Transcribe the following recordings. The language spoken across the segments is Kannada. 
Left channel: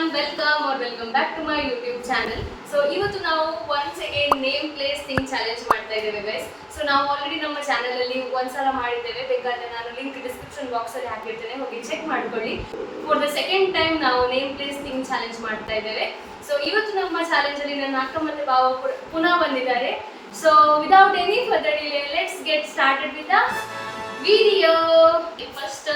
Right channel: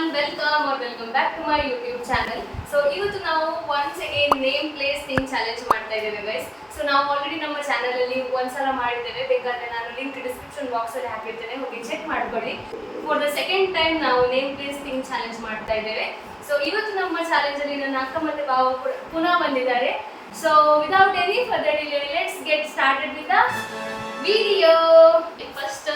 everyone, welcome back to my YouTube channel. So ಇವತ್ತು ನಾವು once again name place thing challenge ಮಾಡ್ತಾ ಇದ್ದೇವೆ guys. So ನಾವು ಆಲ್ರೆಡಿ ನಮ್ಮ ಚಾನೆಲ್ ಅಲ್ಲಿ ಒಂದ್ಸಲ ಮಾಡಿದ್ದೇವೆ, ಬೇಕಾದ್ರೆ ನಾನು ಲಿಂಕ್ ಡಿಸ್ಕ್ರಿಪ್ಷನ್ ಬಾಕ್ಸ್ ಅಲ್ಲಿ ಹಾಕಿರ್ತೇನೆ, ಹೋಗಿ ಚೆಕ್ ಮಾಡ್ಕೊಳ್ಳಿ. ಫಾರ್ ದ ಸೆಕೆಂಡ್ ಟೈಮ್ ನಾವು ನೇಮ್ ಪ್ಲೇಸ್ ಥಿಂಗ್ ಚಾಲೆಂಜ್ ಮಾಡ್ತಾ ಇದ್ದೇವೆ. ಸೊ ಇವತ್ತು ನಮ್ಮ ಚಾಲೆಂಜ್ ಅಲ್ಲಿ ನನ್ನ ಅಕ್ಕ ಮತ್ತೆ ಬಾವ ಪುನಃ ಬಂದಿದ್ದಾರೆ. So without any further delay let's get started with the video. First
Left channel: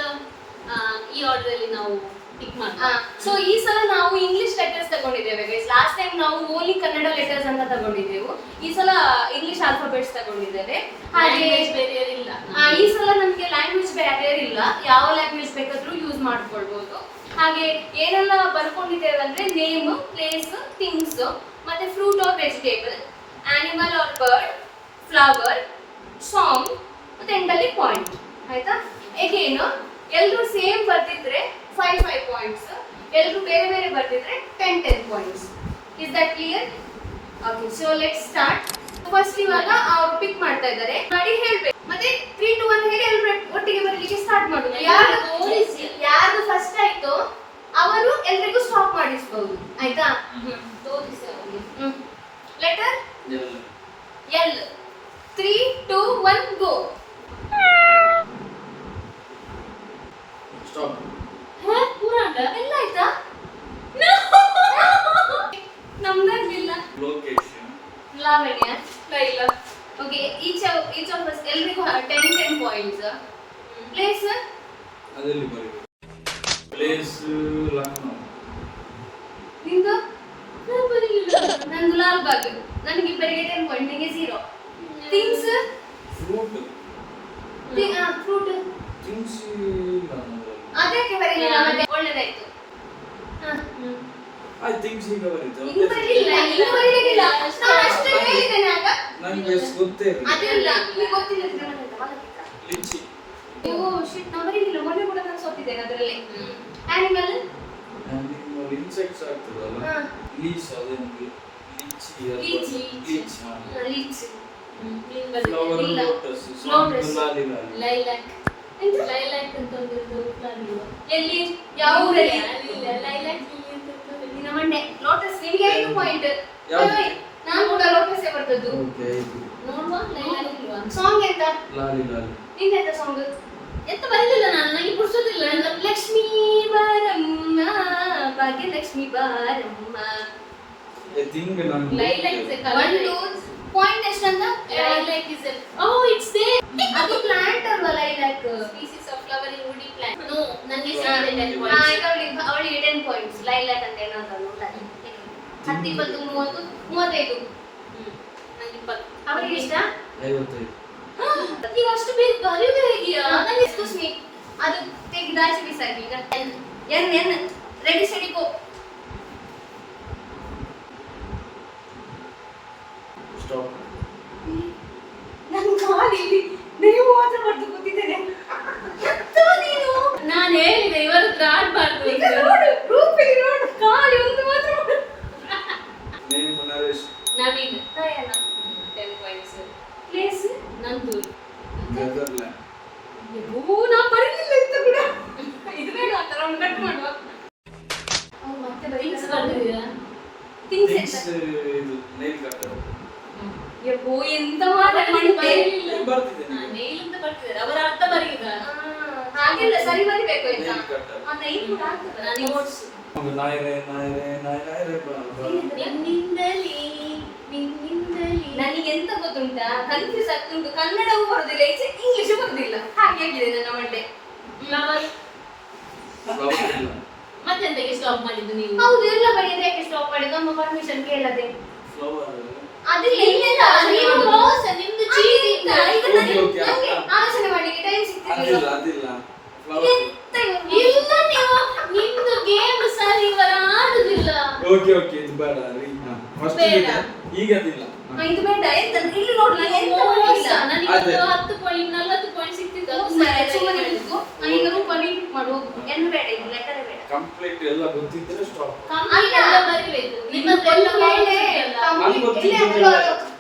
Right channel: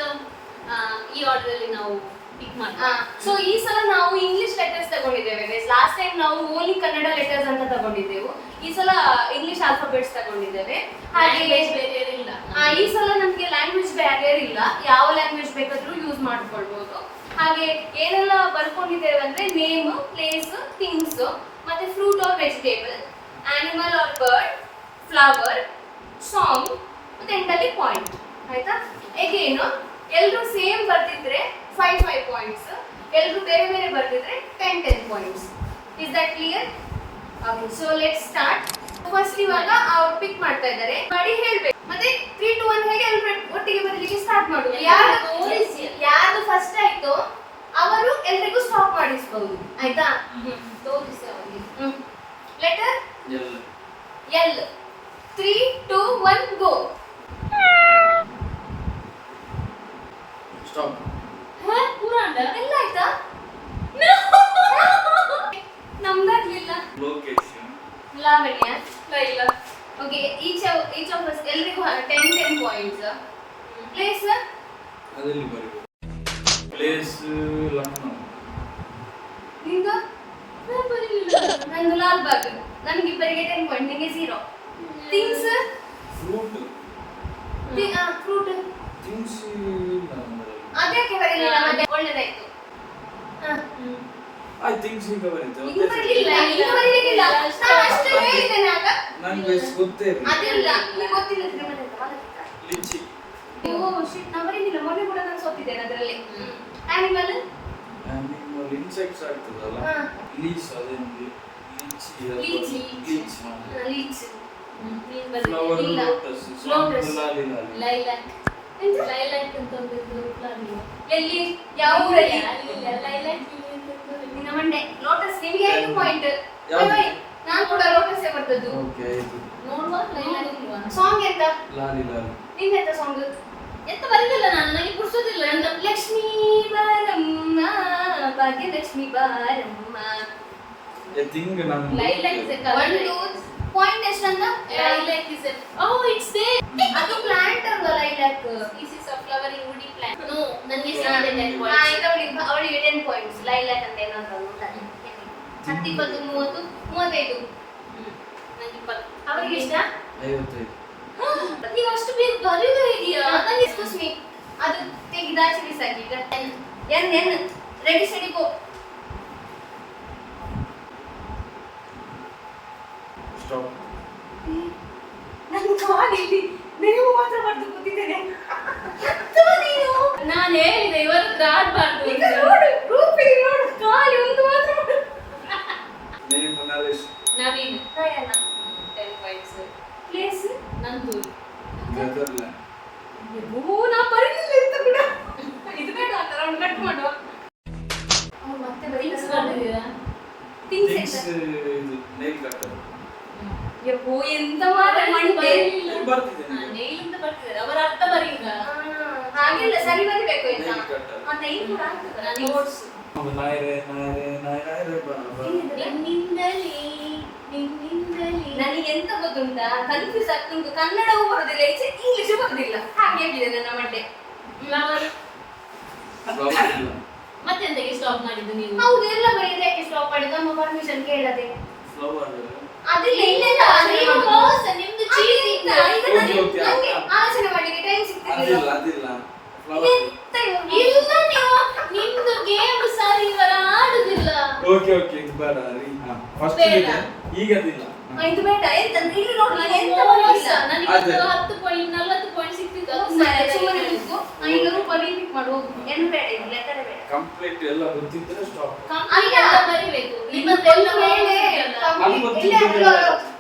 ಈ ಆರ್ಡರ್ ಅಲ್ಲಿ ನಾವು ಪಿಕ್ ಮಾಡ್ತೀವಿ. ಸೊ ಈ ಸಲ ನಾವು ಇಂಗ್ಲಿಷ್ ಲೆಟರ್ಸ್ ತಗೊಂಡಿದ್ದೇವೆ ಗೈಸ್. ಲಾಸ್ಟ್ ಟೈಮ್ ನಾವು ಓನ್ಲಿ ಕನ್ನಡ ಲೆಟರ್ಸ್ ಅಂತ ತಗೊಂಡಿದ್ದೆವು, ಈ ಸಲ ಇಂಗ್ಲಿಷ್ ಆಲ್ಫಾಬೆಟ್ಸ್ ತಗೊಂಡಿದ್ದೇವೆ. ಹಾಗೆ ಇಲ್ಲ, ಈ ಸಲ ನಮಗೆ ಲ್ಯಾಂಗ್ವೇಜ್ ಬ್ಯಾರಿಯರ್ ಇಲ್ಲ, ಯಾವ ಲ್ಯಾಂಗ್ವೇಜ್ ಬೇಕಾದ್ರೂ ಯೂಸ್ ಮಾಡ್ಕೊಳ್ಬಹುದು. ಹಾಗೆ ಏನೆಲ್ಲ ಬರ್ಕೊಂಡಿದ್ದೇವೆ ಅಂದ್ರೆ ನೇಮ್, ಪ್ಲೇಸ್, ಥಿಂಗ್ಸ್, ಮತ್ತೆ fruit or vegetable, animal or bird, flower, song, ಮತ್ತೆ ಎಂಡಲ್ಲಿ ಪಾಯಿಂಟ್. ಆಯ್ತಾ? ಹೇಗೇನು ಎಲ್ಲರೂ ಸೇಮ್ ಬರ್ತಿದ್ರೆ 5 ಪಾಯಿಂಟ್ಸ್, ಎಲ್ಲರೂ ಬೇರೆ ಬೇರೆ ಬರ್ತಿದ್ರೆ 10 points. Is that clear? Okay, so let's start. First ಇವಾಗ ಅವರು ಪಿಕ್ ಮಾಡ್ತಾ ಇದ್ದಾರೆ, ಮಾಡಿ ಹೇಳ್ಬೇಕು, ಮತ್ತೆ 3 2 1 ಹೇಳಿ ಎಲ್ಲರೂ ಒಟ್ಟಿಗೆ ಬರಲಿಕ್ಕೆ ಸ್ಟಾರ್ಟ್ ಮಾಡೋದು. ಯಾರು ಫಸ್ಟ್ ಆಯ್ತು ಅವರು ಎಲ್ಲರಿಗೂ ಸ್ಟಾಪ್ ಮಾಡಿಸಬಹುದು. ಆಯ್ತಾ? ತೋರಿಸಿ ಅವರಿಗೆ. Letter L. 3 2 1 ಗೋ. ಸ್ಟಾಪ್. ಪೂರಾಂಡ ಎಲ್ಲ ಆಯ್ತಾ? ನಮ್ದಾಗ್ಲಿಲ್ಲ. ಲೊಕೇಶನ್. ಲಾವಣ್ಯ ಇಲ್ಲ. ಓಕೆ, ಈಚ್ ಆಫ್ us ಎಲ್ಲರಿಗೂ 10 ಪಾಯಿಂಟ್ಸ್. ಪ್ಲೇಸ್ ಅದರಲ್ಲಿ ಬರೀಬೇಕು. ಪ್ಲೇಸ್ ಲಕ್ನೋ. ನಿಂದು ನಂದು ಲಾಲ್ಬಾಗ್. ನನಗೆ ಇಬ್ಬರಿಗೆ 10 ಪಾಯಿಂಟ್, ನಿಮಗೆ 0. Things fruit. ಫ್ರೂಟ್ ಥಿಂಗ್ಸ್ ಅದಕ್ಕೆ ಬರಲಿಲ್ಲ, ಮತ್ತೆ ಒಳ್ಳೆದಾಯ್ತು. ಐ ಥಿಂಕ್ಸ್ ಈಗ ಬರೀತು. ಇದು ಬರಲಿಲ್ಲ, ಇದು ಬರಲಿಲ್ಲ. ನಾನು ಅಷ್ಟೇ ಹೇಳಿದ್ದೇನೆ ಆಗ. ನನಗೆ ಗೊತ್ತೇ ಇಲ್ಲ. ಅದಿಲ್ಲ, ನಿಮಗೆ ಗೊತ್ತಿಲ್ಲ. ಲಿಚಿ. ಓ ಶಿಟ್, ನಾನು ಬರಲಿಲ್ಲ. ಮೊನ್ನೆ ಕೂಡ ನಾನು ಸೋತಿದ್ದೇನೆ ಅದರಲ್ಲಿ. ಆನಿಮಲ್ ನಿಮ್ಮಲ್ಲಿ ಇನ್ಸೆಕ್ಟ್ಸ್ ಆಗ್ತದಲ್ಲ, ಲೀಸ್ ಅದೊಂದು ಲಿಚಿ. ಲೀಚ್. ಲೀಚ್. ಫ್ಲವರ್ ಇಲ್ಲ. ಲೋಟಸ್. ಲೋಟಸ್. ಲಾಲಿ. ಲೈಲಾಕ್. ಲೈಲಾಕ್ ಅಂತ ಒಂದು ಫ್ಲವರ್. ಎಲ್ಲಿ? ಯಾವ ಊರಲ್ಲಿ? ಲೈಲಾಕ್ ನಿನ್ನ ಮಂಡೆ. ಲೋಟಸ್. ನಿಮಗೆ 5 ಪಾಯಿಂಟ್. ಯಾವುದು? ನಾನು ಕೂಡ ಲೋಟಸ್ ಬರ್ತದ್ದು. ಓಕೆ, ಇದು ನೋಡುವ ಲೈಲಾಕ್ ಇಲ್ವಾ? ಸಾಂಗ್ ಎಂತ? ಲಾಲಿ. ನಿಂದೆಂತ ಸಾಂಗ್? ಎಂತ ಬರಲಿಲ್ಲ, ನಾನು ನನಗೆ ಪುರ್ಸೋದಿಲ್ಲ. ಲಕ್ಷ್ಮೀ ಬಾರಮ್ಮ, ಭಾಗ್ಯಲಕ್ಷ್ಮಿ ಬಾರಮ್ಮ. ಐ ಥಿಂಕ್ ನಾನು lilac is a colour. 1 point ಎಷ್ಟಂತ? Lilac is a it's there. ಅದು ಪ್ಲಾಂಟ್ ಅಲ್ವಾ lilac? Species of flowering woody plant. No, ನನಗೆ ಸಿಕ್ಕಿದೆ 10 ಪಾಯಿಂಟ್ಸ್. ಅವಳಿಗೆ 10 ಪಾಯಿಂಟ್ಸ್. ಲೈಲಾಕ್ ಅಂತ ಏನಾದ್ರು 10 20 30 35. ನನಗೆ 20. ಅವಳಿಗೆ ಇಷ್ಟ? 55. ನೀವು ಅಷ್ಟು ಬೇಗ ಬರೆಯೋದು ಹೇಗಿಯಾ? ನನಗೆ ಎಕ್ಸ್ಕ್ಯೂಸ್ ಮೀ, ಅದು ತೆಗೆದಾಚೆ ಬಿಸಾಕಿ. ಈಗ ಎನ್ ರೆಡಿ ಸ್ಟಡಿ ಗೋ. ಸ್ಟಾಪ್. ನನ್ನ ಕಾಲಿಗೆ ನೀವು ಮಾತ್ರ ಬರ್ದು ಕೂತಿದ್ದೇನೆ. ನೀನು ನಾನು ಹೇಳಿದೆ ಇವರು ಹತ್ರ ಆಡ್ಬಾರ್ದು ಈಗ ನೋಡು, ಗ್ರೂಪಿಗೆ ನೋಡು, ಕಾಲಿ ಒಂದು ಮಾತ್ರ ಮಾಡು. ನೇಮ್ ನರೇಶ್. ನವೀನ್ ದಯಾನ. 10 ಪಾಯಿಂಟ್ಸ್. ಪ್ಲೇಸ್ ನಂದು ನೆದರ್ಲ್ಯಾಂಡ್. ನಾ ಬರಲಿಲ್ಲ ಅಂತ ಕೂಡ. ಇದು ಬೇಡ ಅಂತ ರೌಂಡ್ ಕಟ್ ಮಾಡುವ. ಅವ್ರು ಮತ್ತೆ ಥಿಂಗ್ಸ್ ಬರ್ದಿದ್ದೀರಾ? ಥಿಂಗ್ಸ್ ಥಿಂಗ್ಸ್ ಇದು ನೈಲ್ ಕಟ್ಟರ್. ಯಪ್ಪೋ ಎಂತ ಮಾಡಿದ್ದೆ. ಬರ್ತಿದೆ. ನೇಲ್ ಅಂತ ಬರ್ತಿದ್ದಾರೆ, ಅವರ ಅರ್ಥ ಬರೀಗ. ಹಾಗೆಲ್ಲ ಸರಿ ಬರಿಬೇಕು ಆಯ್ತಾ? Nile cutter. ಆ ನೈಲ್ ಕೂಡ ಆಗ್ತದೆ. ನಾನು ನೋಟ್ಸ್ ನಾಯರೆ ನಿನ್ನಿಂದಲೇ ನನಗೆ ಎಂತ ಗೊತ್ತುಂಟಾ, ಕನ್ಫ್ಯೂಸ್ ಆಗ್ತುಂಟು. ಕನ್ನಡವೂ ಬರೋದಿಲ್ಲ, ಈಚೆ ಇಂಗ್ಲಿಷು ಬರೋದಿಲ್ಲ. ಹಾಗೆ ಆಗಿದೆ ನನ್ನ ಮಂಡೆ. ಫ್ಲವರ್. ಇಲ್ಲ. ಮತ್ತೆಂತಕ್ಕೆ ಸ್ಟಾಪ್ ಮಾಡಿದ್ದು ನೀವು? ಹೌದು, ಎಲ್ಲ ಬರೆಯದೆ ಯಾಕೆ ಸ್ಟಾಪ್ ಮಾಡಿದ್ದು? ನಮ್ಮ ಪರ್ಮಿಷನ್ ಕೇಳದೆ. ಫ್ಲವರ್. ಅದಿಲ್ಲ, ಇಲ್ಲೆಲ್ಲ ನೀವು ಮೋಸ, ನಿಮ್ದು ಚೀಟಿಂಗ್. ಓಕೆ. ಆಲೋಚನೆ ಮಾಡ್ಲಿಕ್ಕೆ ಟೈಮ್ ಸಿಗ್ತಿರ್ಲಿಲ್ಲ. ಅದಿಲ್ಲ. ಫ್ಲವರ್. ಎಂತ ಇವ್ರು? ಇಲ್ಲ, ನೀವು ನಿಮ್ದು ಗೇಮ್ ಸರಿ ಇವರ ಆಡುದಿಲ್ಲ. ಓಕೆ ಇದು ಬೇಡ. ಫಸ್ಟ್ ಬೇಡ. ಈಗ ಅದಿಲ್ಲ. ಇದು ಬೇಡ. ಎಂತ ಇಲ್ಲಿ ನೋಡ್ಲಿ, ಎಂತ ಮೋಸ. ಬರಲಿಲ್ಲ. ನನಗೆ ಅದೇ. 10 ಪಾಯಿಂಟ್ 40 ಪಾಯಿಂಟ್ ಸಿಕ್ತಿತ್ತು. ಅದು ಸುಮ್ಮನೆ ಸರಿ ನಿಂತು, ಈಗ ರೂಪ ರಿಪೀಟ್ ಮಾಡು. ಏನು ಬೇಡ, ಇದು ಲೆಕ್ಕದ ಬೇಡ. ಕಂಪ್ಲೀಟ್ ಎಲ್ಲ ಗೊತ್ತಿದ್ರೆ ಸ್ಟಾಪ್. ಕಂಪ್ಲೀಟ್ ಎಲ್ಲ ಬರಿಬೇಕು. ನಿಮ್ಮದೆಲ್ಲ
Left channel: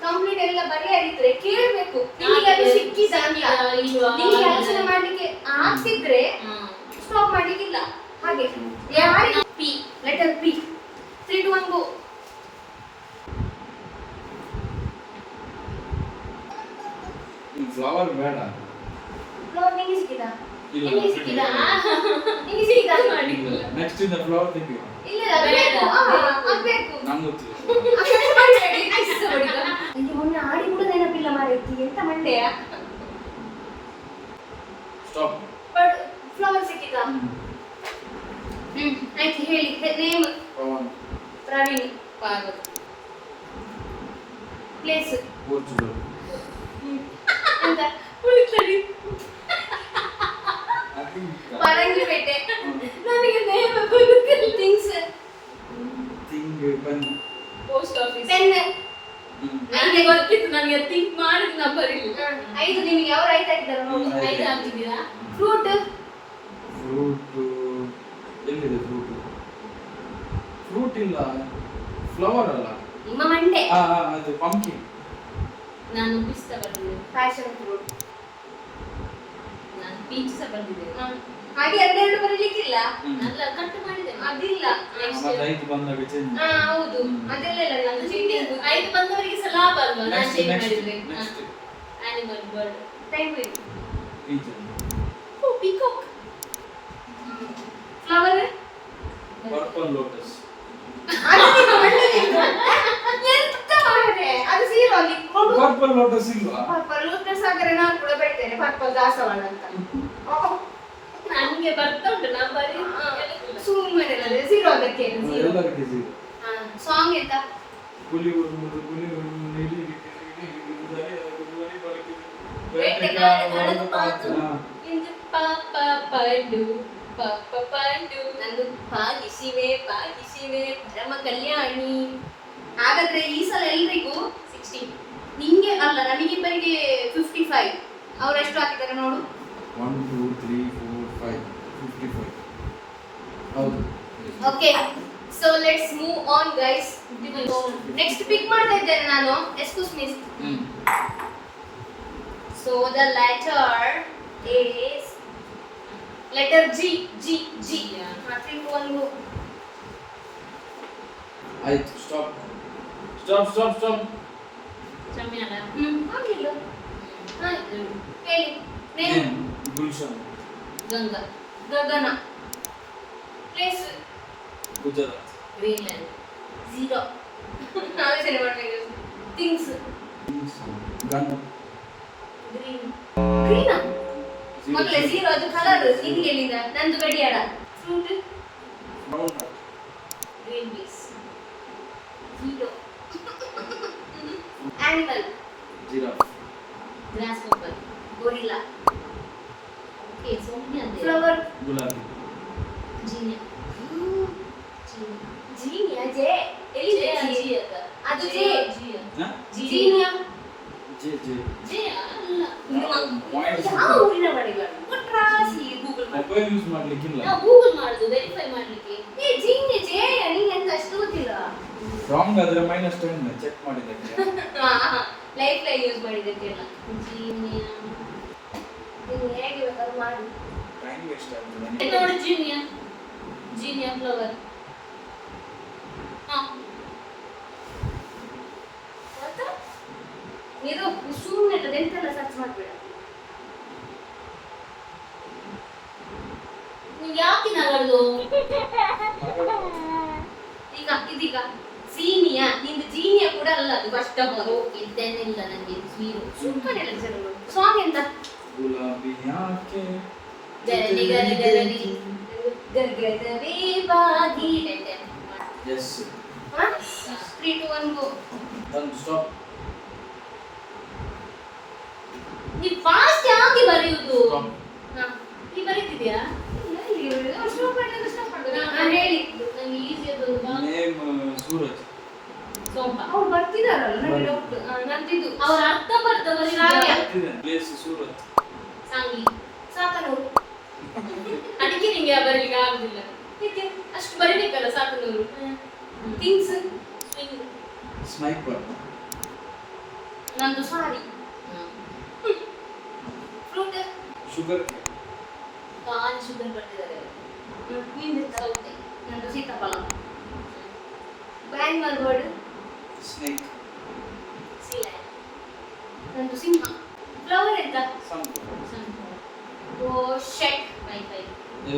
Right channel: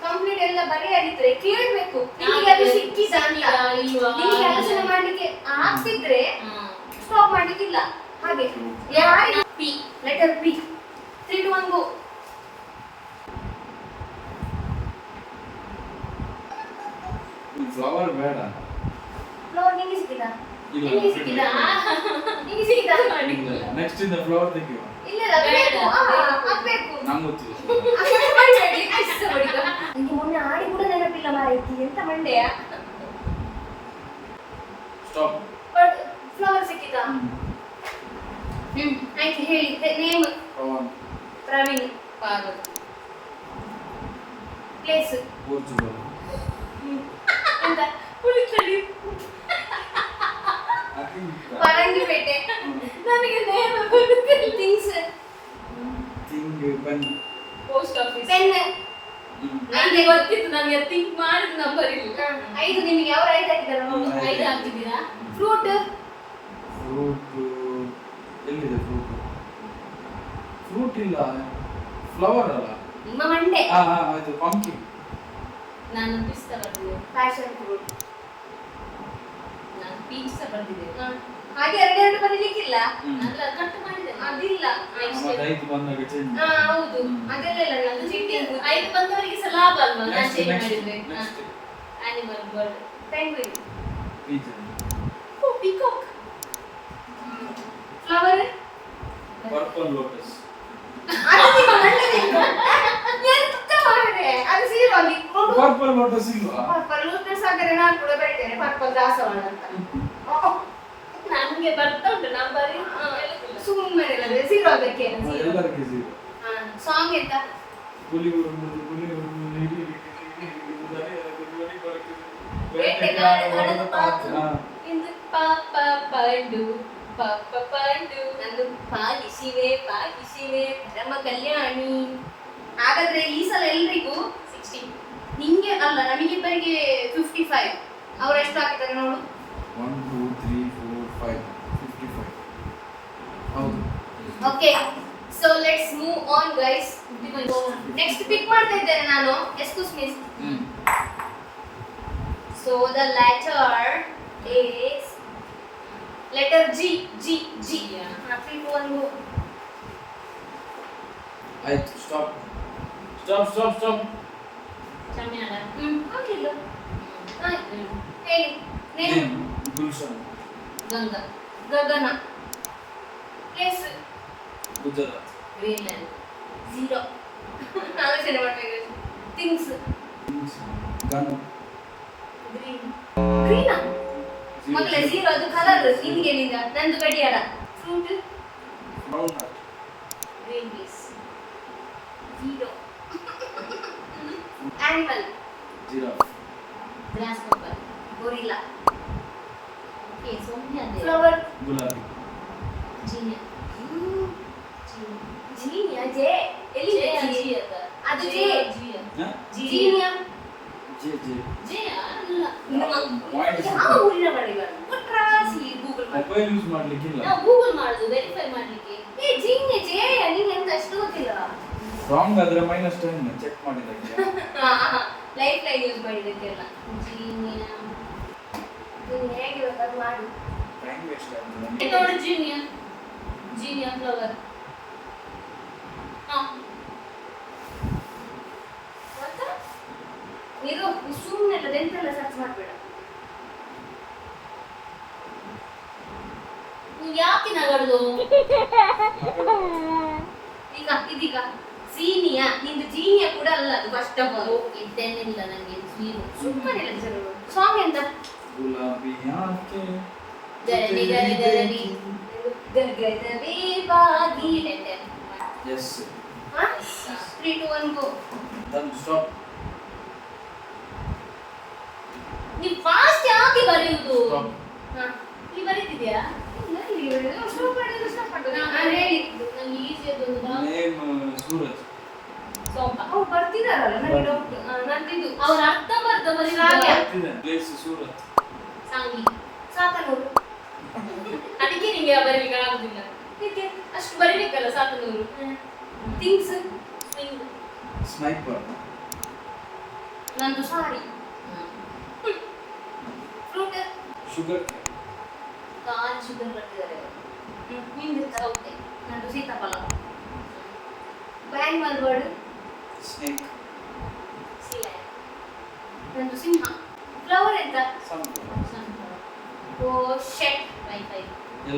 ಕಂಪ್ಲೀಟ್ ಎಲ್ಲ ಬರೆಯದಿದ್ರೆ ಕೇಳಬೇಕು. ನಿಮಗೆ ಅದು ಸಿಕ್ಕಿದ ಅಂತ ಇಲ್ವಾ? ನಿಮಗೆ ಆಲೋಚನೆ ಮಾಡ್ಲಿಕ್ಕೆ ಆಗ್ತಿದ್ರೆ ಸ್ಟಾಪ್ ಮಾಡ್ಲಿಕ್ಕಿಲ್ಲ. ಹಾಗೆ ಯಾರಿಗೆ ಪಿ ಲೆಟರ್ ಬಿ. 3 2 1 ಗೋ. ಫ್ಲವರ್ ಬೇಡ. ಫ್ಲವರ್ ನಿಂಗೆ ಸಿಕ್ಕಿದಾ? ಇಲ್ಲ, ನಿಂಗೆ ಸಿಕ್ಕಿದಾ? ನಿಂಗೆ ಸಿಕ್ಕಿದಾ? ನೆಕ್ಸ್ಟ್ ಇಂದ ಫ್ಲವರ್ ತೆಗಿ. ಇಲ್ಲ ಬೇಕು. ಆಗ್ಬೇಕು. ನಂಗೆ ಗೊತ್ತಿಲ್ಲ. ನನಗೆ ಮೊನ್ನೆ ಆಡಿ ಕೂಡ ನೆನಪಿಲ್ಲ ಮಾರೈತಿ, ಎಂತ ಮಂಡೆಯ. ಸ್ಟಾಪ್. ಬಟ್ ಫ್ಲವರ್ ಸಿಕ್ಕಿದಾ? ಆಯ್ತು ಹೇಳಿ. Name Pavan. Praveen. Parvati. Place Portugal. ಎಂತ? ಉಳಿತಡಿ. ಪರಂಗಿಪೇಟೆ. ನನಗೆ ನೇಮ್ ಗೊತ್ತಿಲ್ಲ. Things thing pen. Post office. Pen. ನನಗೆ ಗೊತ್ತಿತ್ತು, ನನಗೆ ಥಿಂಕ್ ಮಾಡಿದ ನಂಬರ್ ಇಲ್ಲ. 5 ನಿಮಗೆ ಯಾವ ರೈಟ್ ಹಾಕಿದ್ದಾರೆ ನೋಡಿ. 5 ಹಾಕಿದ್ದೀರಾ? ಫ್ರೂಟ್. ಫ್ರೂಟ್ ಎಲ್ಲಿದೆ ಫ್ರೂಟ್? ಫ್ರೂಟ್ ಇಲ್ಲ, ಫ್ಲವರ್ ಅಲ್ಲ. ನಿಮ್ಮ ಮಂಡೆ. ಅದು ಪಂಪ್ಕಿನ್. ನಾನು ಪಿಸ್ತಾ ಬರ್ತಿದ್ದೆ. Passion fruit. ನಾನು ಪೀಚ್ ಸಹ ಬರ್ತಿದ್ದೆ. ಹಾಗೆ ಎರಡೆರಡು ಬರಲಿಕ್ಕಿಲ್ಲ. ಅಲ್ಲ, ಕಟ್ ಮಾಡಿದೆ. ಅದಿಲ್ಲ. ನೆಕ್ಸ್ಟ್ ಮತ್ತೆ 5 ಬಂದಾಗ ಚೇಂಜ್. ಹೌದು. ಅದೆಲ್ಲ ಇಲ್ಲ. ನಂದು ಚೀಟಿ 5 ಬಂದವರಿಗೆ ಸಹ ಲಾಭ ಅಲ್ವಾ ನಾನು ನೆಕ್ಸ್ಟ್ ಚೇಂಜ್ ನೆಕ್ಸ್ಟ್ ಮಾಡಿದ್ರೆ. Next animal bird. ಪೆಂಗ್ವಿನ್. ಪೀಚನ್. ಓ ಪಿಕಾಕ್. ಫ್ಲವರ್. Purple lotus. ಅದು ನಿಮ್ಮ ಮಂಡೆ. ಎಂತ ಮಾಡಿದೆ? ಅದು ಸೀರಲ್ಲಿ ಕೊಡು. ಪರ್ಪಲ್ ಲೋಟಸ್ ಇಲ್ವಾ? ಪರ್ಪಲ್ ಲೋಟಸ್ ಹಾಕಿದ್ರೆ ನಾನು ಕೂಡ ಬೆಳಿತೇನೆ. ಪರ್ಪಲ್ ದಾಸವಾಳ ಅಂತ. ನನಗೆ ಬರ್ತಾ ಉಂಟು, ನಾನು ಬರೀ ಹೇಳುದಿಲ್ಲ. ಸುಮ್ಮನೆ ಇಲ್ಲ ಸೀರು ಅದಕ್ಕೆ. ಎಲ್ಲರಿಗೆ ಜೀರೋ. ಸಾಂಗ್ ಎಂತ? ಹುಲಿ ಹುಲಿ ಹುಲಿ ಹುಲಿ ಬೇಟೆಗಾರನ ಪಾತು. ಇಂದು ಪಾಪ ಪಂಡು ಪಾಪ ಪಂಡು. ನಂದು ಪಾಲಿಸಿವೆ ಪರಮ ಕಲ್ಯಾಣಿ. ಹಾಗಾದ್ರೆ ಈ ಸಲ ಎಲ್ರಿಗೂ 16. ನಿಂಗೆ ಅಲ್ಲ, ನಮಗಿಬ್ಬರಿಗೆ 55. ಅವ್ರು ಎಷ್ಟು ಹಾಕಿದ್ದಾರೆ ನೋಡು. 1 2 3 4 5 55. ಹೌದು. Okay, so let's move on guys. Next pick ಮಾಡ್ತಾ ಇದ್ದೇನೆ ನಾನು. Excuse me. So the letter is letter G. G. 3 2 1 go. ಆಯ್ತು, ಸ್ಟಾಪ್ ಸ್ಟಾಪ್ ಸ್ಟಾಪ್ ಸ್ಟಾಪ್. ಚಮ್ಯಾಲ. ಆಗಿಲ್ಲ. ಹೇಳಿ. Name. Gulshan. Ganga. Gagana. Place. Gujarat. Greenland. 0. ನಾವೇ ಸರಿ ಮಾಡ್ಬೇಕು. ಥಿಂಗ್ಸ್. ಗನ್. ಗ್ರೀನ್. ಗ್ರೀನಾ? ಮಕ್ಕಳೇ 0 ಅದು ಕಲರ್. ನಿಮಗೆ ಎಲ್ಲಿಂದ? ನಂದು ಗಡಿಯಾರ. Fruit. Brown. Green peas. 0. Animal. Giraffe. Grass pepper. Gorilla. Okay, so many are there. Flower. ಗುಲಾಬಿ. ಜೀನಿಯಾ. ಜೀನಿಯಾ. ಜೆ. ಎಲ್ಲಿ ಜೆ ಜಿ? ಜಿ ಅಂತ. ಅದು ಜೆ. ಹಾ? ಜೀನಿಯಾ. J J. ಜೆ ಅಲ್ಲ. ಯಾವ ಊರಿನ ಬಡಿಗಳು? ಕೊಟ್ರಾಸಿ ಗೂಗಲ್ ಮಾಡಿ. ಮೊಬೈಲ್ ಯೂಸ್ ಮಾಡ್ಲಿಕ್ಕಿಲ್ಲ. ನಾವು ಗೂಗಲ್ ಮಾಡುದು ವೆರಿಫೈ ಮಾಡ್ಲಿಕ್ಕೆ. ಏ ಜೀನಿ ಜೆ ನಿಂಗೆ ಎಂತ ಅಷ್ಟು ಗೊತ್ತಿಲ್ಲ. ರಾಂಗ್ ಆದ್ರೆ -10 ಚೆಕ್ ಮಾಡಿದ್ದಕ್ಕೆ. ಲೈಫ್ ಲೈನ್ ಯೂಸ್ ಮಾಡಿದ್ದಕ್ಕೆಲ್ಲ. ಜೀನಿಯಾ. ನೀವು ಹೇಗೆ ಬೇಕಾದ್ರೂ ಮಾಡಿ. ಟೈಮ್ ವೇಸ್ಟ್ ಇದು ಆಗ್ತದೆ. ನೋಡಿ ಜೀನಿಯಾ. Zinnia flower. ಹಾ. ಮತ್ತೆ ನೀವು ಸುಮ್ಮನೆ ಎಂತೆಲ್ಲ ಸರ್ಚ್ ಮಾಡಬೇಡ. ನೀವು ಯಾಕೆ ನಗಡ್ದು? ಈಗ ಇದೀಗ ಜೀನಿಯಾ. ನಿಂದು ಜೀನಿಯಾ ಕೂಡ ಅಲ್ಲ, ಅದು ಫಸ್ಟ್ ಆಫ್ ಆಲ್. ಇದ್ದೇನಿಲ್ಲ ನನಗೆ ಸ್ವೀರು. ಸುಮ್ಮನೆ ಸಾಂಗ್ ಎಂತ? ಗುಲಾಬಿ ಯಾಕೆ ಗರಡಿ ಗರಡಿ ಗರಡಿ. ಗಗನವೇ ಬಾಗಿ. ಎಸ್. 3 2 1 go. Done, stop. ನೀವು ಫಾಸ್ಟ್ ಯಾಕೆ ಬರೆಯುವುದು? ಸ್ಟಾಪ್. ನೀ ಬರೀತಿದ್ಯಾ? ಹೇಳಿ. ನಂಗೆ ಈಸಿ ಅದೊಂದು ನೇಮ್ ಸೂರಜ್. ಸೋಂಪ. ಅವ್ರು ಬರ್ತಿದಾರಲ್ಲ, ನನಗೆ ಡೌಟ್. ನಂದಿದು ಅವ್ರ ಅರ್ಥ ಬರ್ದ ಬರೀರಾಗ್ಯ. ಪ್ಲೇಸ್ ಸೂರತ್. ಸಾಂಗ್ಲಿ. ಸಾತನೂರು. ಅದಕ್ಕೆ ನಿಂಗೆ ಬರೀಲಿಕ್ಕೆ ಆಗುದಿಲ್ಲ. ಅಷ್ಟು ಬರೀಬೇಕಲ್ಲ ಸಾತನೂರು. ಥಿಂಗ್ಸ್. ಸ್ವಿಂಗ್. ಸ್ನೈಪರ್. ನಂದು ಸಾರಿ. ಫ್ರೂಟ್. ಶುಗರ್. ಕಾನ್ ಶುಗರ್ ಬರ್ತಿದ್ದಾರೆ. ನಿಂದು ಸೌತೆ. ನಂದು ಸೀತಾಫಲ. ಆನಿಮಲ್ ವರ್ಡ್ ಸ್ನೇಕ್ ನಂದು ಸಿಂಹ. ಫ್ಲವರ್ ಎಂತ? ಸನ್ಫ್ಲವರ್ ಓ ಶೆಟ್.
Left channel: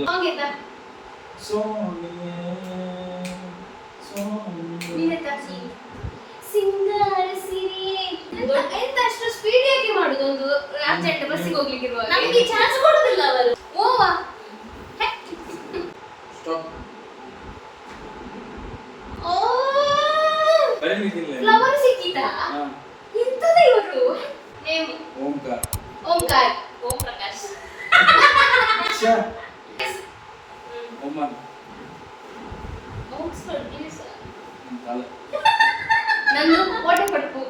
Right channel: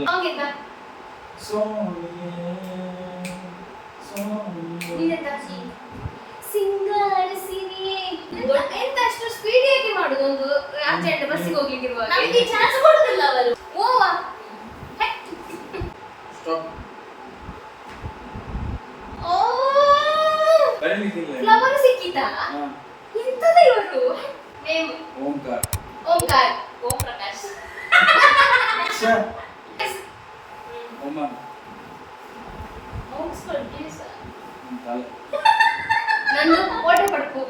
ಸಾಂಗ್ ಎಂತ? ನೀನೆಂತ? ಸಿಂಗಾರ ಸಿರಿಯೇ. ಎಂತ ಅಷ್ಟು ಸ್ಪೀಡ್ ಏಕೆ ಮಾಡುದು ಒಂದು ಅರ್ಜೆಂಟ್ ಬಸ್ಸಿಗೆ ಹೋಗ್ಲಿಕ್ಕೆ ಇರುವಾಗ? ನಮಗೆ ಚಾನ್ಸ್ ಕೊಡುದಿಲ್ಲ ಅವರು. ಓವಾ ಸ್ಟಾಪ್ ಓ ಬರೀಲಿಕ್ಕಿಲ್ಲ ಫ್ಲವರ್ ಸಿಕ್ಕಿತಾ? ಎಂತದ ಇವರು? Name Omkara Omkara. Om Prakash. Oman Oxford please. ನಂದು ಓಟೆ ಪಡ್ಪು.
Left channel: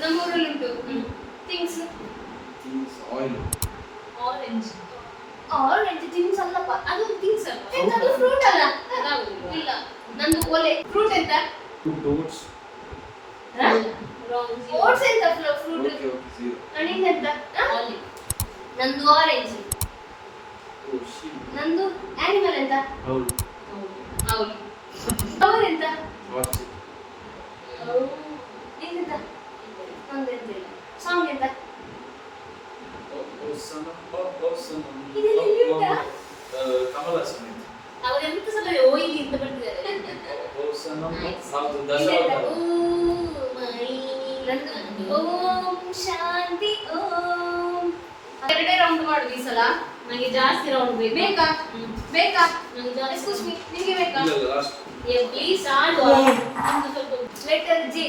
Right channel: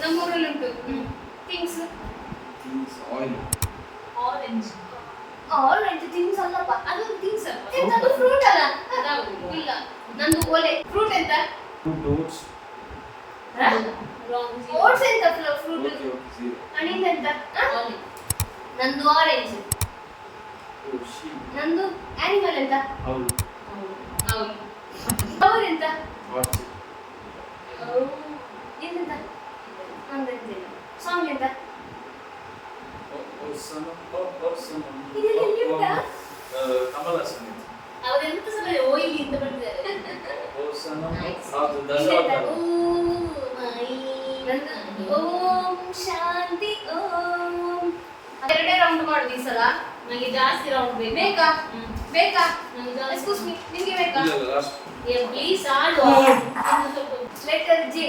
ನಮ್ಮೂರಲ್ಲಿ ಉಂಟು. Things oil orange. Orange things ಅಲ್ಲಪ್ಪ. ಅದು ಥಿಂಗ್ಸ್ ಅಲ್ಲ. ಎಂತದು ಫ್ರೂಟ್ ಅಲ್ಲ? ಅದಾವುದು ಇಲ್ಲ. ನಂದು ಒಲೆ. ಫ್ರೂಟ್ ಎಂತ? Dots wrong. ಓಟ್ಸ್ ಎಂತ ಫ್ರೂಟ್? ಓಕೆ ಝೀರೋ ನಿಂದೆಂತ? ಆಲಿವ್. ನಂದು ಆರೆಂಜ್. ಓ ಶೀಪ್ ನಂದು ಆನಿಮಲ್ ಎಂತ? ಹೌದು ಹೌದು. ಫ್ಲವರ್ ಎಂತ? ವಾಚ್ ನಿಂದೆಂತ? ನಂದು ಎಂತ ಇಲ್ಲ. ಸಾಂಗ್ ಎಂತ? ಇದೆಲ್ಲ ಇಲ್ಲಿಂದ? ಕಮಲ ಸಂಗೀತ ಅವರೆಂತ ಸಲ ಓಯಿಲಿ ಅಂತ ಬರ್ತಿದ್ದಾರೆ. ಓಂ ಶಾಂತಿ ಓಂ. ಎರಡೇ ರೌಂಡ್ ಮಾಡುದು ಈ ಸಲ. ನನಗೆ ಜಾಸ್ತಿ ರೌಂಡ್ ಬೇಕು. ಬೇಕಾ? ಹ್ಮ್. ಬೇಕಾ? ನನಗೆ ಜಾಸ್ತಿ. ಎಕ್ಸ್ಕ್ಯೂಸ್ ಮೀ, ನಿಮಗೆ ಬೇಕಾ? ಪ್ಲೀಸ್ ಆಡುವ. ನಿಮ್ದು ಸ್ವಲ್ಪ letter J.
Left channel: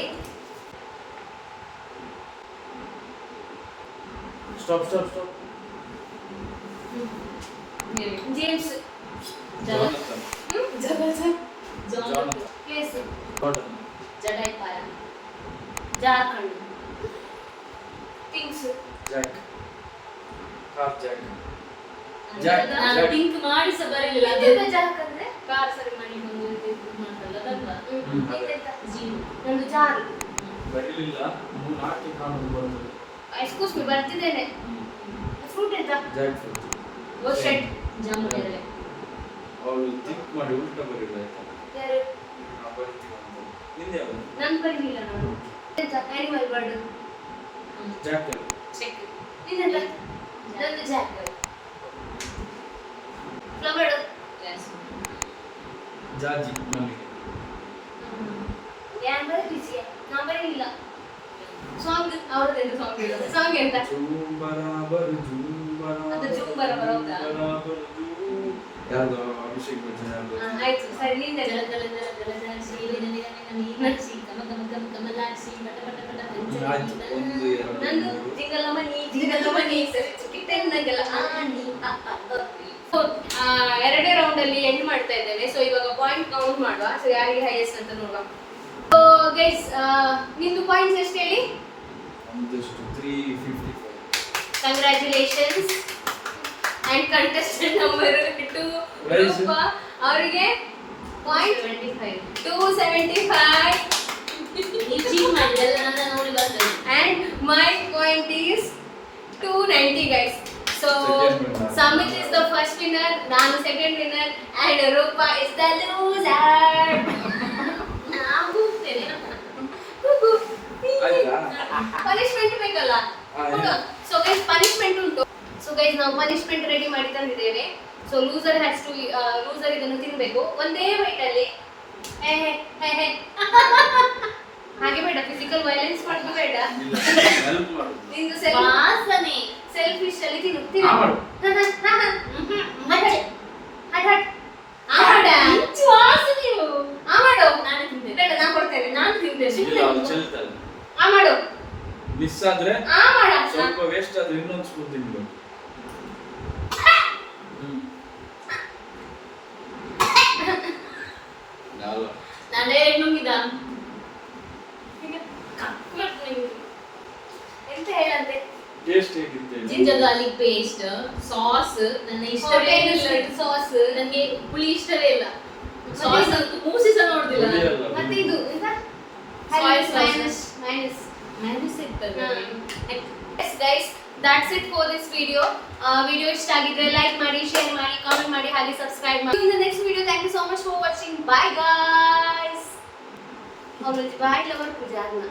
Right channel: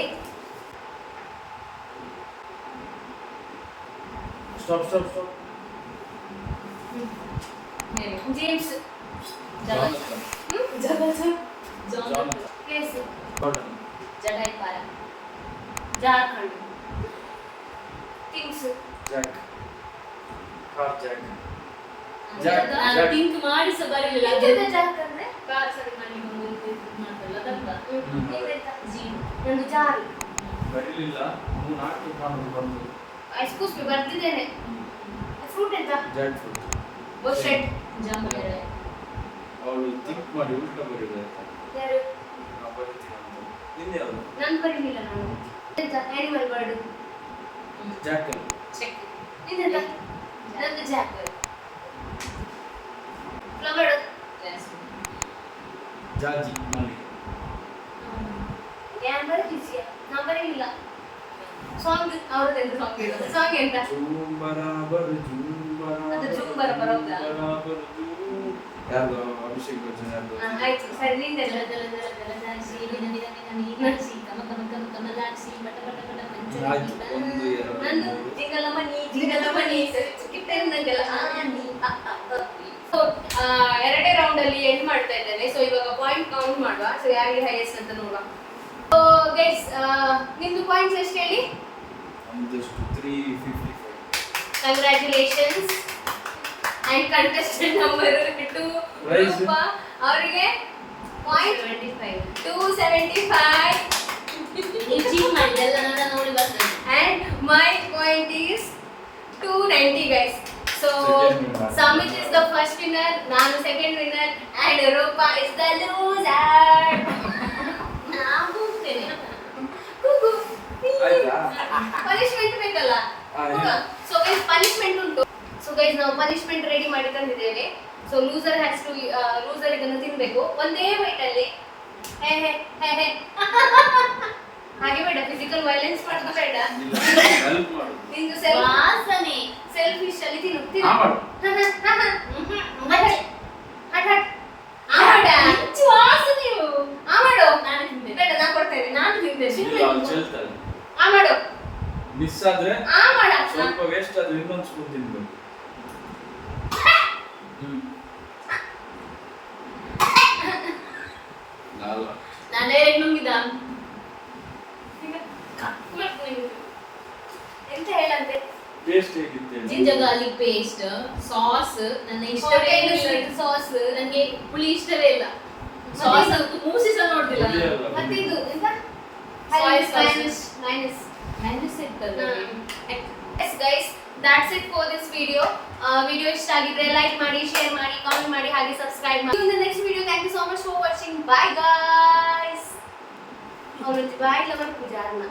Stop stop stop ಮೇಲೆ. James. Jonathan Jagat. John. Place. Total ಜಡೈಪಾರ. Jharkhand. Things. Jack car jack ನಾನು ಥಿಂಕ್ ಮಾಡಿ ಸಹ ಬರಲಿಲ್ಲ. ನಿಂದೆಂತ ಜಾರ್ಖಂಡ್? ಕಾರ್ ಸರಿ ಮಾಡಿ ಒಂದು ಮಾಡ್ತಲ್ಲ ಅದಲ್ಲ. ನಿಂದೆಂತ? ಜೀನ್. ನಂದು ಜಾರು. ಬರಲಿಲ್ಲ 3-4 ಕಾಣುದು ಬಂದು ಎಕ್ಸ್ಕ್ಯೂಸ್ ಮೀ, ಬರ್ತಿದ್ದೇನೆ. ಫ್ರೂಟ್ ಎಂತ? ಜಾಕ್ ಫ್ರೂಟ್ ಓ ಶೆಟ್. ಜಾಮು ಎಲೆ. ಅವಳು ಥಿಂಕ್ ಮಾಡಿ ಉಲ್ಟಾ ಬರೀಬೇಕು ಯಾರು? ನಾವು ಬರೀತೀವಿ ಅಂತ ನಿಂದೆ ಯಾವುದು ನಾನು ಬರಲಿಲ್ಲ. ನಾನು ಎಂತ? Animal word. Jack check. ನಿಂದೆಂತ? ನಂದು ಜಾಕರ್. ಫ್ಲವರ್. ಜಾಸ್ಮಿನ್. ಜಾಜಿ ಮಲ್ಲಿಗೆ ಯಾರು ಬರಲಿಲ್ಲ? ನಾನು ಬರಲಿಲ್ಲ. ಸಾಂಗ್ ಅವ್ರದ್ದೆಂತ ಸಾಂಗ್ ಇಲ್ಲ. ಸಾಂಗ್ ಎಂತ? ಜೂಂಬರಾಬರ್ ಜೂಂಬರಾಬರ್ ಅದು ಜೂಂಬರಾಬರ್ ಹೌದಾ? ಜೂಂಬರಾಬರ್ ಯಾರ್ದು ಅಭಿಷೇಕ್ ಬಚ್ಚನ್ ಯಾರ್ದು ಆಯ್ತು ಸರಿ, ನಿಂದೆಂತ? ಜಲ ಜಲ ಜಲ ಜಲ ಜಾಕ್ಷಿ ನಿನ ನಿನ ನಿನ ನೀನಾಕ್ಷಿ ಕಮ ಕಮ ಕಮ ಕಮಲಾಕ್ಷಿ ಪಟ ಪಟ ಪಟ ಆಯ್ತು ಪಂಚ. ಒಂದು ಎರಡು ನಂದು ಮೂರು ಜಿಂಗಲಮ್ಮ ನೀ ಜಿಂಗಲಮ್ಮ ನೀ ಸರಿ ಚಿಕ್ಕಿಟ್ಟೆ ನಂಗೆಲ್ಲ ಎರಡೇ ರೌಂಡ್ ಅಲ್ಲಿ ಎಂಡ್ ಮಾಡ್ತಾ ಇದ್ದೇನೆ. ಸೊ ಇವಾಗ ಪಾಯಿಂಟ್ ಕೌಂಟ್ ಮಾಡುವ. ಸೊ ಯಾರಿಗೆ ಹೈಯೆಸ್ಟ್ ಅಂತ ನೋಡುವ. ಸೊ ಗೈಸ್, ನಿಮ್ದು ಪಾಯಿಂಟ್ಸ್ ಎಷ್ಟು ಹೇಳಿ? ನಮ್ದಷ್ಟು 355 congratulations. And contestant number 2 Prize? ರೂಪ ಅವರಿಗೆ ಪಾಯಿಂಟ್ 25. 275. ನೀವು ಚೀಟ್ ಮಾಡಿ ಎಲ್ಲ ನನ್ನ ನೋಡಿ ಬರ್ತದೆ. And my point is 290 guys. So Second winner. Samit is the first winner, Nanu second winner, and Rupa is the loser. ನಾನು ಹೋಗ್ತೇನೆ. Kuku. ಆಯ್ತಾ? Punishment ಬೇಕಲ್ಲ? ಆಯ್ತು. So guys, punishment ಉಂಟು. So guys, ನಾವು punishment ರೆಡಿ ಮಾಡಿಕೊಂಡಿದ್ದೇವೆ. So loser has to loser ಇದನ್ನು ತಿನ್ಬೇಕು ಒಂದೇ ಬೈಟ್ ಅಲ್ಲಿ. ಹೇ ಹೇ ಹೇ ಹೇ. ಹಾಗೆ ಬೇಡ, ಫಿಸಿಕಲ್ ವೈಲೆನ್ಸ್ ಮಾಡೋದು ಬೇಡ. ಇಲ್ಲ ಹೆಲ್ಪ್ ಮಾಡು ನಿಂದು ವಾಸನೆ. ಸೆಲ್ಫಿಶ್ ಅಲ್ಲಿ ತಿನ್ನು ಆ ಮಾಡು ಮಚ್ಚೆ. ಹಟ್ ಹಟ್ ಆಡ ಇಂಚು ವಾಸನೆಯು. ಆ ಮಾಡು. ನಾನು ತಿಂತೇನೆ. ಬೇಡ, ನಾನು ಕೊಡ್ತೇನೆ. ನಾನು ತಿಂತೇನೆ. ಇಲ್ಲ ಅವ್ನು ಚೆಲ್ತಾನೆ ಆ ಮಾಡು. ಮಿಸ್ ಆದ್ರೆ ಆ ಮಾಡ. ಸ್ವಲ್ಪ ವೇಸ್ಟ್ ಆದ್ರೆ ಇನ್ನೊಂದು ಸ್ಪೂನ್ ತಿನ್ಬೇಕು ಅಲ್ಲ ನಾನು ಡೈರೆಕ್ಟ್ ನುಂಗಿದ. ಎಂತ ಹೇಳಂತೆ? ಟೇಸ್ಟ್ ಹೇಗಿತ್ತು ಜಿಂಜರ್ ಗಾರ್ಲಿಕ್ ಪೇಸ್ಟ್, ಸಾಸ್ ನನ್ನ ಇಷ್ಟವೇ ಇಲ್ಲ. ಸಾಸ್. ನನಗೆ ಹುಳಿ ಇಷ್ಟವೇ ಇಲ್ಲ. ಸಾಸ್ ಅಂತೂ ಮೂಸಿ ಸಹ ನೋಡುದಿಲ್ಲ ನಾನು. ಮತ್ತೆ ಇದು ಎಂತ? Soy sauce. ಮೈನಸ್. ಮ್ಯಾನೇಜ್ ಇರ್ತದೆ. Yes guys, that's it for this video. Video ಇಷ್ಟ ಆಗಿದ್ರೆ ಲೈಕ್ ಮಾಡಿ, ಶೇರ್ ಮಾಡಿ, ಕಾಮೆಂಟ್ ಮಾಡಿ, ಹಾಗೆ ಸಬ್ಸ್ಕ್ರೈಬ್ ಮಾಡಿ. In the next video, thank you so much for watching. Bye guys. ಅವ್ರ ಬಾಯ್ ಲವರ್ ಪೂಜಾರ್ನ